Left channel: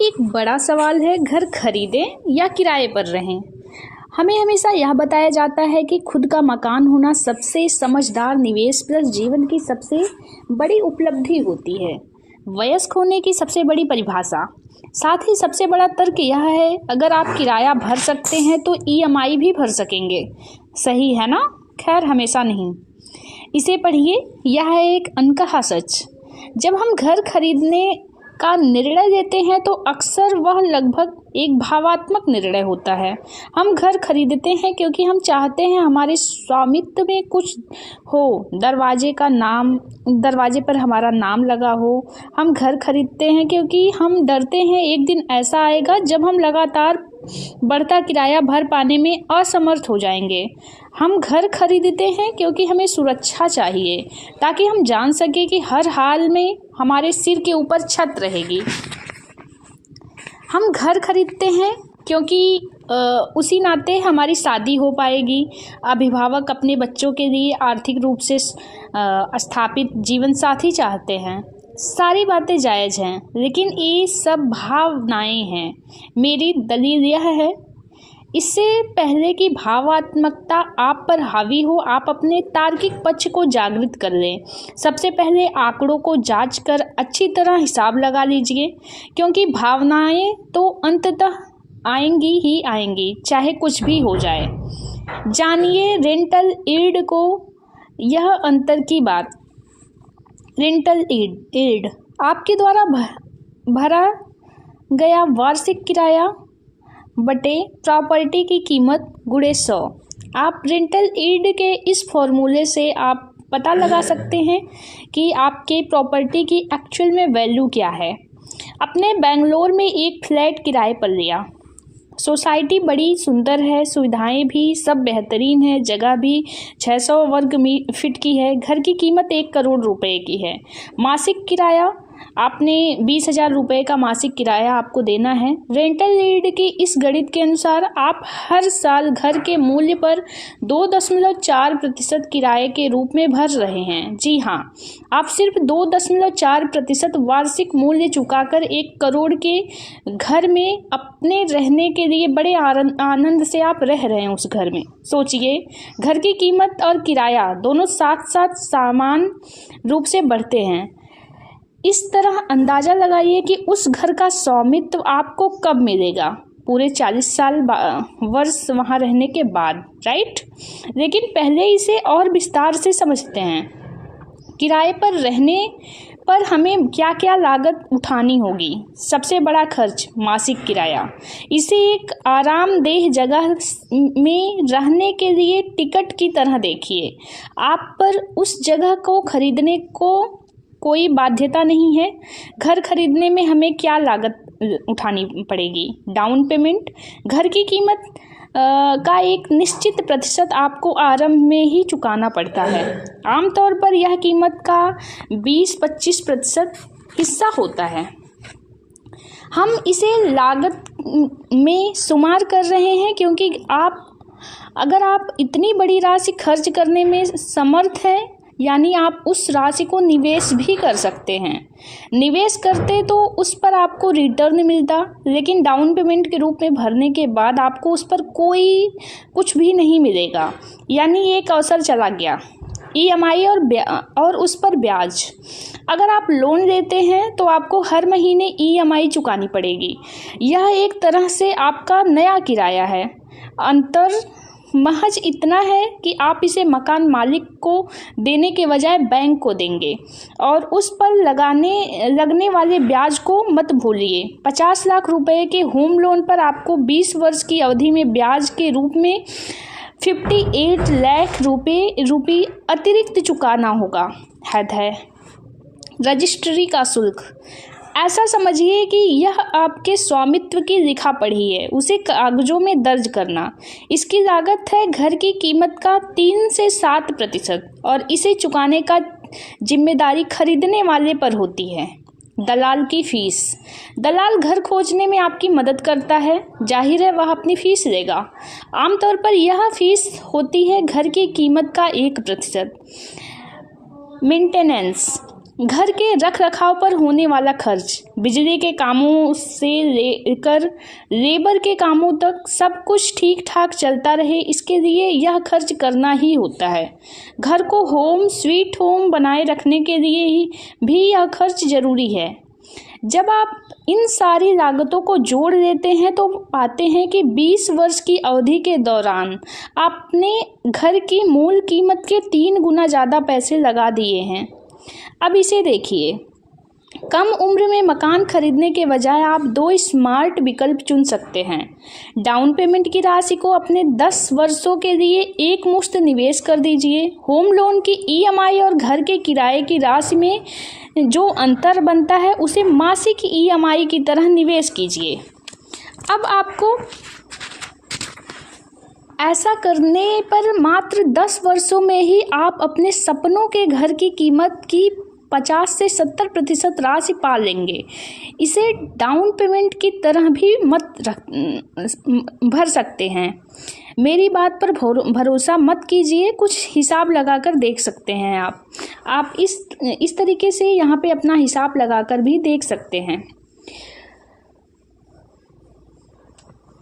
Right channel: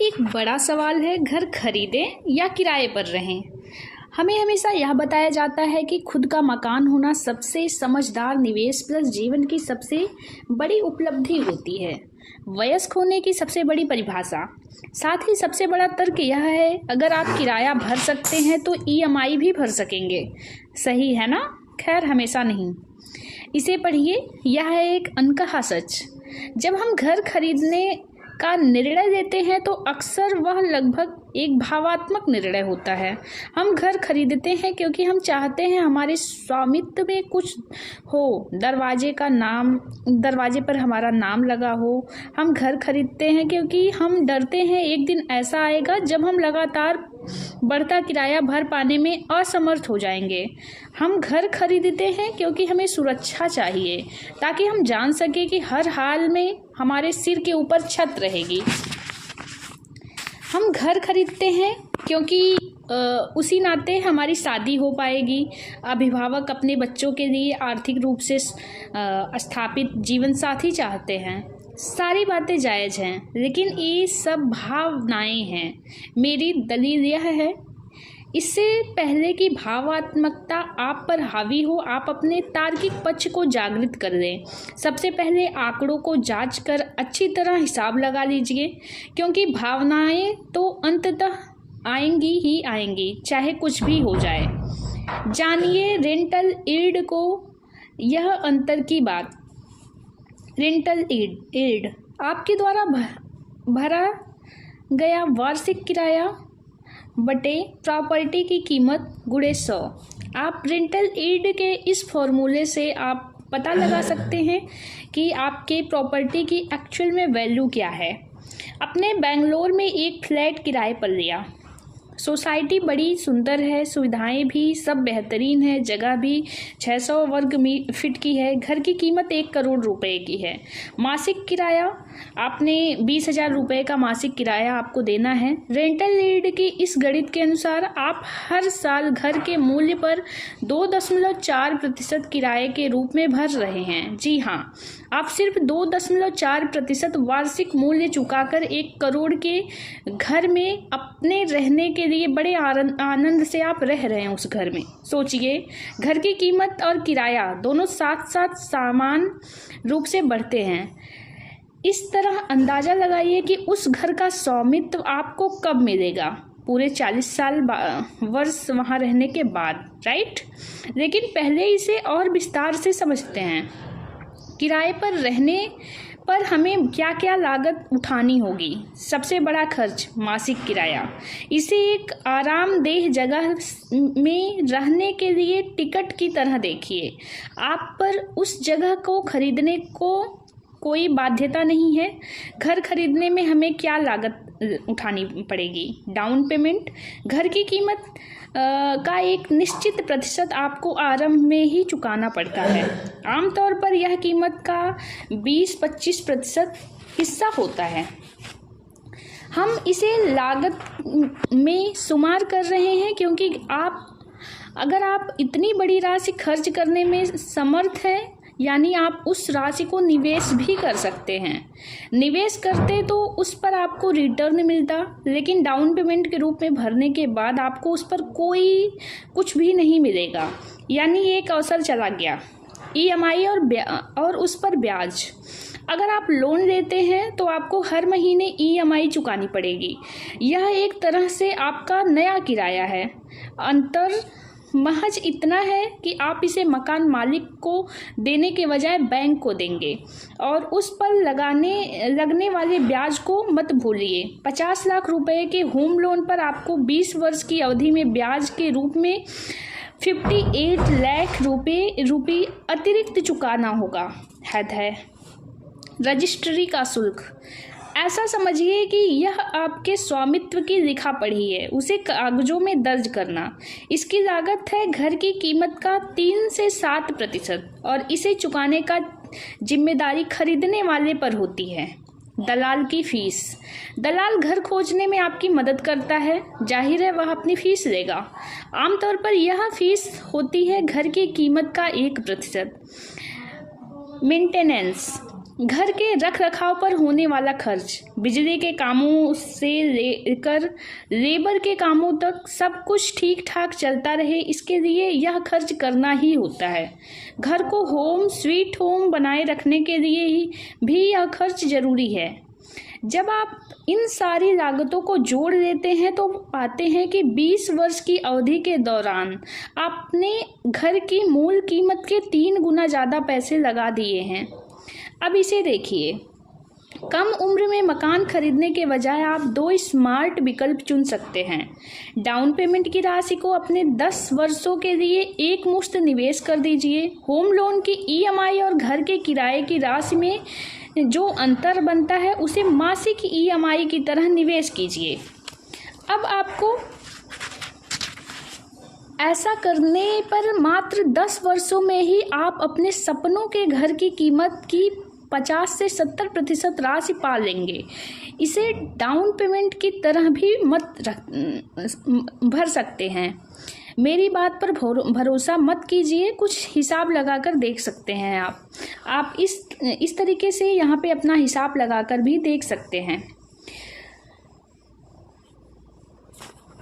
एक बड़ा सवाल है, घर खरीदें या किराए पर रहें। हमें हमेशा यह बताया जाता है कि खुद का मकान होना सबसे समझदार निवेश प्लस जीवन की सबसे बड़ी उपलब्धि होती है। वयस्क होने की सबसे बड़ी परिभाषा। साथ ही सबसे बड़ा तर्क यह है, अगर आप किराया भर सकते हैं तो ईएमआई भी भर सकेंगे। सही है ना? खैर, हमेशा नहीं। इसे पढ़िए, यह है एक अनकहा सच। जब हम घर खरीदने का निर्णय लेते हैं तो अक्सर वह लगभग एक भावात्मक निर्णय होता है। हम घर खरीदते हैं क्योंकि हम चाहते हैं हमारे स्वामित्व में कुछ हो, दरवाजे पर हमारा नाम लगा हो। हम घर खरीदते हैं क्योंकि हम डरते हैं एक दिन ऐसा आएगा जब हम लगातार बढ़ता किराया भर पाने में असमर्थ हो जाएंगे। हम घर खरीदते हैं क्योंकि हमें सुरक्षा चाहिए, ताकि हम जान सके कि हर हाल में हमारे सिर के ऊपर छत रहेगी। हम घर खरीदते हैं क्योंकि उसी नाते हमारी शादी हो पाएगी। अभिभावक अपने बच्चों के लिए आर्थिक रूप से स्थापित जीवन साथी चाहते हैं। सारी बातें जायज़ हैं, लेकिन ये सब भावनाएं हैं। मेरी दलील यह है, इससे पहले कि भावात्मकता आप पर हावी हो, आप अपने तार्किक पक्ष को जागृत कर लें। सबसे पहले आंकड़ों को जांच कर अच्छी तरह हिसाब लगा लीजिए, क्योंकि भावनाएं तो अंततः आएंगी ही आएंगी, चाहे कुछ भी हो जाए। जानिए रेंटल ईल्ड को, यह अंतर की बात। रेंटल ईल्ड आपके द्वारा भरा गया वार्षिक किराया बटे प्रॉपर्टी की कीमत गुणे 100। आप रेंटल ईल्ड के इस फॉर्मूले से आप पता लगा सकते हैं कि आपके प्रॉपर्टी की एक्चुअल में वैल्यू क्या है। अपने बेंगलोर में एक फ्लैट किराए पर लिया। सोसाइटी बड़ी सुंदर है, सुविधाएं भी सब बेहतरीन है, जगह भी 600 वर्ग फीट की है। घर की कीमत 1 करोड़ रुपए की है। मासिक किराया आपने 20,000 रुपये का मासिक किराया आपको देना है। रेंटल ईल्ड की इस गणित के अनुसार आप हर साल घर के मूल्य पर 2.4% किराए के रूप में भर रहे हैं। जी हाँ, आप सिर्फ 2.4% वार्षिक मूल्य चुकाकर 1 करोड़ के घर में अपने रहने के लिए बड़े आनंद से आप रह रहे हैं उस घर में। सोचिए, घर की कीमत और किराया दोनों साथ साथ समान रूप से बढ़ते हैं। इस तरह अंदाज़ा लगाइए कि उस घर का स्वामित्व आपको कब मिलेगा। पूरे 40 वर्ष वहाँ रहने के बाद, राइट? लेकिन पहले इसे और विस्तार से समझते हैं। किराए पर रहने पर हमें क्या क्या लागत उठानी होगी। सबसे बड़ा खर्च मासिक किराया। इसे एक आरामदेह जगह में रहने के लिए टिकट की तरह देखिए। आप पर उस जगह को खरीदने को कोई बाध्यता नहीं है। घर खरीदने में हमें क्या लागत उठानी पड़ेगी? Down payment. घर की कीमत का एक निश्चित प्रतिशत आपको आरंभ में ही चुकाना पड़ता है। आमतौर पर यह कीमत का 20-25% हिस्सा होता है। हम इसे लागत में शुमार कर रहे हैं क्योंकि अगर आप इतनी बड़ी राशि खर्च करने में समर्थ हैं, यानी आप उस राशि को निवेश भी कर सकते हैं। निवेश करते तो उस पर आपको रिटर्न मिलता, लेकिन डाउन पेमेंट के रूप में भरने के बाद आपको उस पर कुछ भी नहीं मिलेगा, यानी एक अवसर चला गया। ईएमआई और उस पर ब्याज। अगर आप लोन लेते हैं तो आपको हर महीने ईएमआई चुकानी पड़ेगी। यह एक तरह से आपका नया किराया है। अंतर महज इतना है कि आप इसे मकान मालिक को देने के बजाय बैंक को देंगे, और उस पर लगने वाले ब्याज को मत भूलिए। 50 लाख रुपए के होम लोन पर आपको 20 वर्ष की अवधि में ब्याज के रूप में 58 लाख रुपये अतिरिक्त चुकाना होगा। हद है। रजिस्ट्री का शुल्क। ऐसा समझिए कि यह आपके स्वामित्व की लिखा पढ़ी है, उसे कागजों में दर्ज करना। इसकी लागत है घर की कीमत का 3 से 7%, और इसे चुकाने का जिम्मेदारी खरीदने वाले पर होती है। दलाल की फीस। दलाल घर खोजने में आपकी मदद करता है। जाहिर है वह अपनी फीस लेगा। आमतौर पर यह फीस होती है घर की कीमत का 1%। मेंटेनेंस। घर के रख रखाव पर होने वाला खर्च, बिजली के कामों से लेकर लेबर के कामों तक सब कुछ ठीक ठाक चलता रहे, इसके लिए यह खर्च करना ही होता है। घर को होम स्वीट होम बनाए रखने के लिए ही भी यह खर्च जरूरी है। जब आप इन सारी लागतों को जोड़ देते हैं तो पाते हैं कि 20 वर्ष की अवधि के दौरान आपने घर की मूल कीमत के 3 गुना ज़्यादा पैसे लगा दिए हैं। अब इसे देखिए, कम उम्र में मकान खरीदने के बजाय आप 2 स्मार्ट विकल्प चुन सकते हैं। डाउन पेमेंट की राशि को अपने 10 वर्षों के लिए एक मुश्त निवेश कर दीजिए। होम लोन की EMI और घर के किराए की राशि में जो अंतर बनता है उसे मासिक EMI की तरह निवेश कीजिए। अब आपको ऐसा करने पर मात्र 10 वर्षों में ही आप अपने सपनों के घर की कीमत की 50 से 70% राशि पा लेंगे। इसे डाउन पेमेंट की तरह भी मत भर सकते हैं। मेरी बात पर भरोसा मत कीजिए, कुछ हिसाब लगाकर देख सकते हैं। आप इस तरीके से यहाँ पे अपना हिसाब लगाकर भी देख सकते हैं।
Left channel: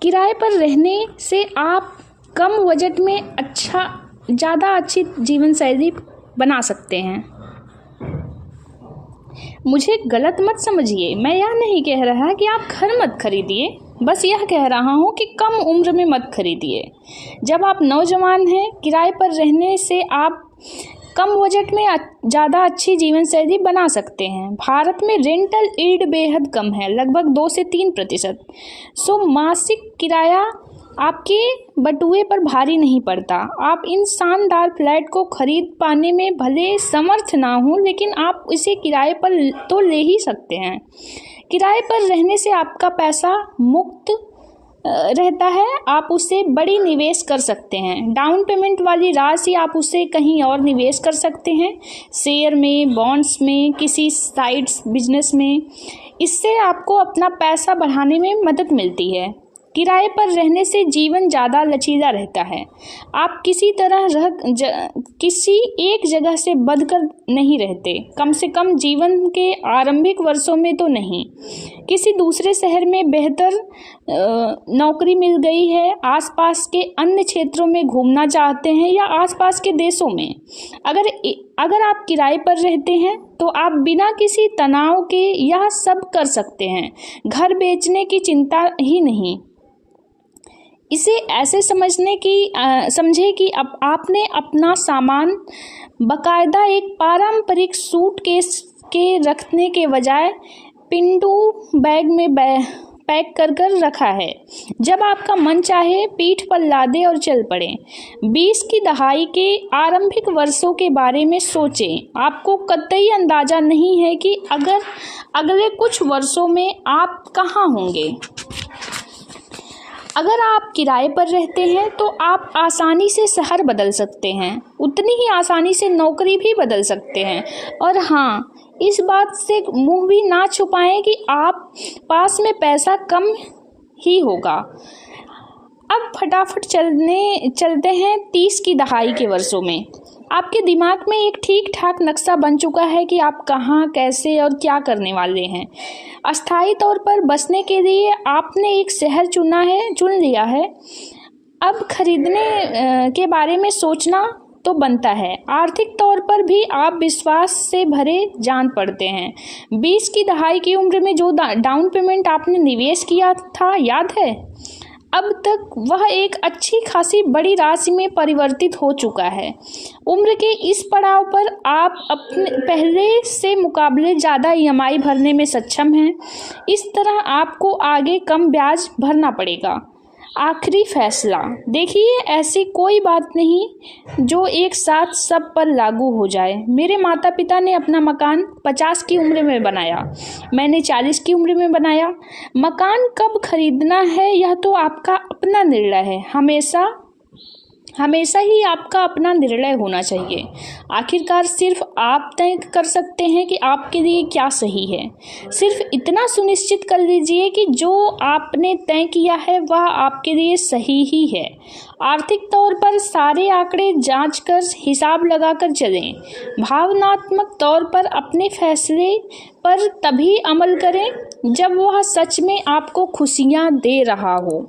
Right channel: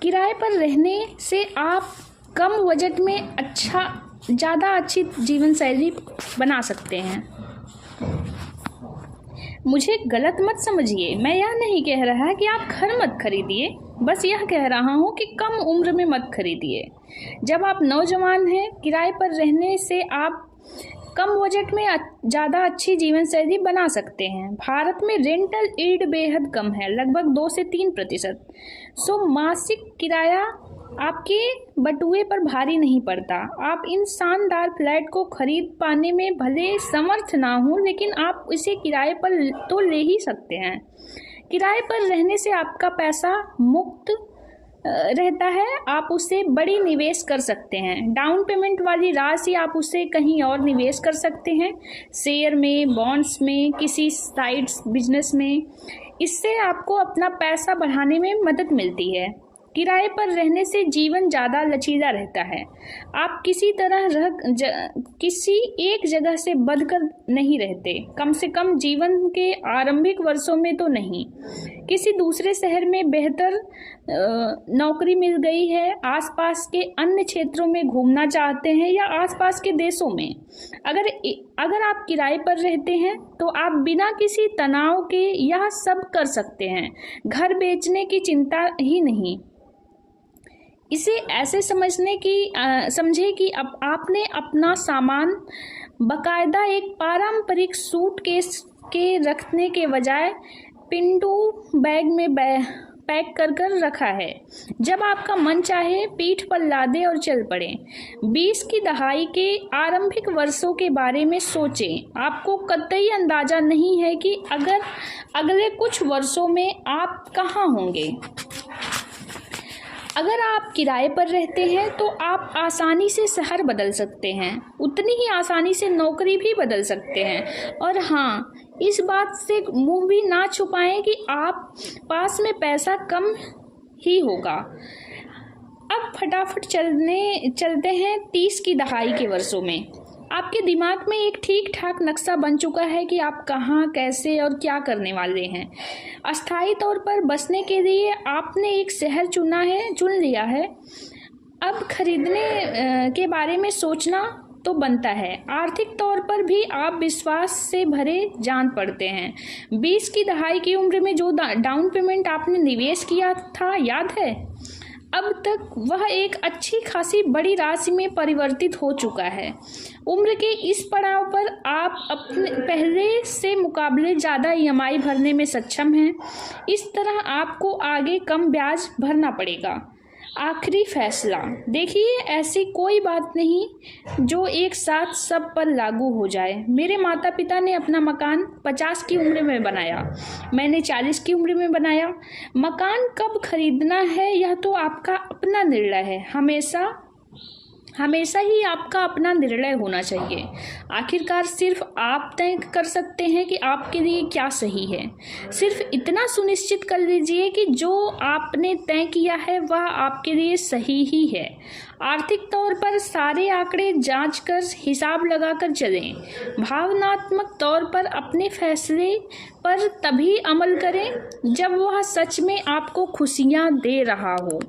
किराए पर रहने से आप कम बजट में ज़्यादा अच्छी जीवन शैली बना सकते हैं। मुझे गलत मत समझिए, मैं यह नहीं कह रहा कि आप घर मत खरीदिए, बस यह कह रहा हूँ कि कम उम्र में मत खरीदिए। जब आप नौजवान हैं, किराए पर रहने से आप कम बजट में ज़्यादा अच्छी जीवन शैली बना सकते हैं। भारत में रेंटल यील्ड बेहद कम है, लगभग 2 से 3%। सो मासिक किराया आपके बटुए पर भारी नहीं पड़ता। आप इन शानदार फ्लैट को खरीद पाने में भले समर्थ ना हो, लेकिन आप इसे किराए पर तो ले ही सकते हैं। किराए पर रहने से आपका पैसा मुक्त रहता है, आप उसे बड़ी निवेश कर सकते हैं। डाउन पेमेंट वाली राशि आप उसे कहीं और निवेश कर सकते हैं, शेयर में, बॉन्ड्स में, किसी साइड्स बिजनेस में। इससे आपको अपना पैसा बढ़ाने में मदद मिलती है। किराए पर रहने से जीवन ज़्यादा लचीला रहता है। आप किसी एक जगह से बंधकर नहीं रहते, कम से कम जीवन के आरंभिक वर्षों में तो नहीं। किसी दूसरे शहर में बेहतर नौकरी मिल गई है, आसपास के अन्य क्षेत्रों में घूमना चाहते हैं या आसपास के देशों में। अगर आप किराए पर रहते हैं तो आप बिना किसी तनाव के यह सब कर सकते हैं। घर बेचने की चिंता ही नहीं। इसे ऐसे समझे कि अब आपने अपना सामान बाकायदा एक पारंपरिक सूटकेस के रखने के बजाय पिंडू बैग में पैक कर रखा है। जब आपका मन चाहे पीठ पर लादे और चल पड़े। 20 की दहाई के आरंभिक वर्षों के बारे में सोचें। आपको कतई अंदाजा नहीं है कि अगले कुछ वर्षों में आप कहाँ होंगे। अगर आप किराए पर रहते हैं तो आप आसानी से शहर बदल सकते हैं, उतनी ही आसानी से नौकरी भी बदल सकते हैं। और हाँ, इस बात से मुंह भी ना छुपाएं कि आप पास में पैसा कम ही होगा। अब फटाफट चलते हैं 30 की दहाई के वर्षों में। आपके दिमाग में एक ठीक ठाक नक्शा बन चुका है कि आप कहाँ, कैसे और क्या करने वाले हैं। अस्थायी तौर पर बसने के लिए आपने एक शहर चुन लिया है। अब खरीदने के बारे में सोचना तो बनता है। आर्थिक तौर पर भी आप विश्वास से भरे जान पड़ते हैं। 20 की दहाई की उम्र में जो डाउन पेमेंट आपने निवेश किया था, याद है? अब तक वह एक अच्छी खासी बड़ी राशि में परिवर्तित हो चुका है। उम्र के इस पड़ाव पर आप अपने पहले से मुकाबले ज़्यादा EMI भरने में सक्षम हैं। इस तरह आपको आगे कम ब्याज भरना पड़ेगा। आखिरी फैसला, देखिए, ऐसी कोई बात नहीं जो एक साथ सब पर लागू हो जाए। मेरे माता पिता ने अपना मकान 50 की उम्र में बनाया, मैंने 40 की उम्र में बनाया। मकान कब खरीदना है यह तो आपका अपना निर्णय है। हमेशा ही आपका अपना निर्णय होना चाहिए। आखिरकार सिर्फ आप तय कर सकते हैं कि आपके लिए क्या सही है। सिर्फ इतना सुनिश्चित कर लीजिए कि जो आपने तय किया है वह आपके लिए सही ही है। आर्थिक तौर पर सारे आंकड़े जांच कर हिसाब लगाकर चलें। भावनात्मक तौर पर अपने फैसले पर तभी अमल करें जब वह सच में आपको खुशियां दे रहा हो।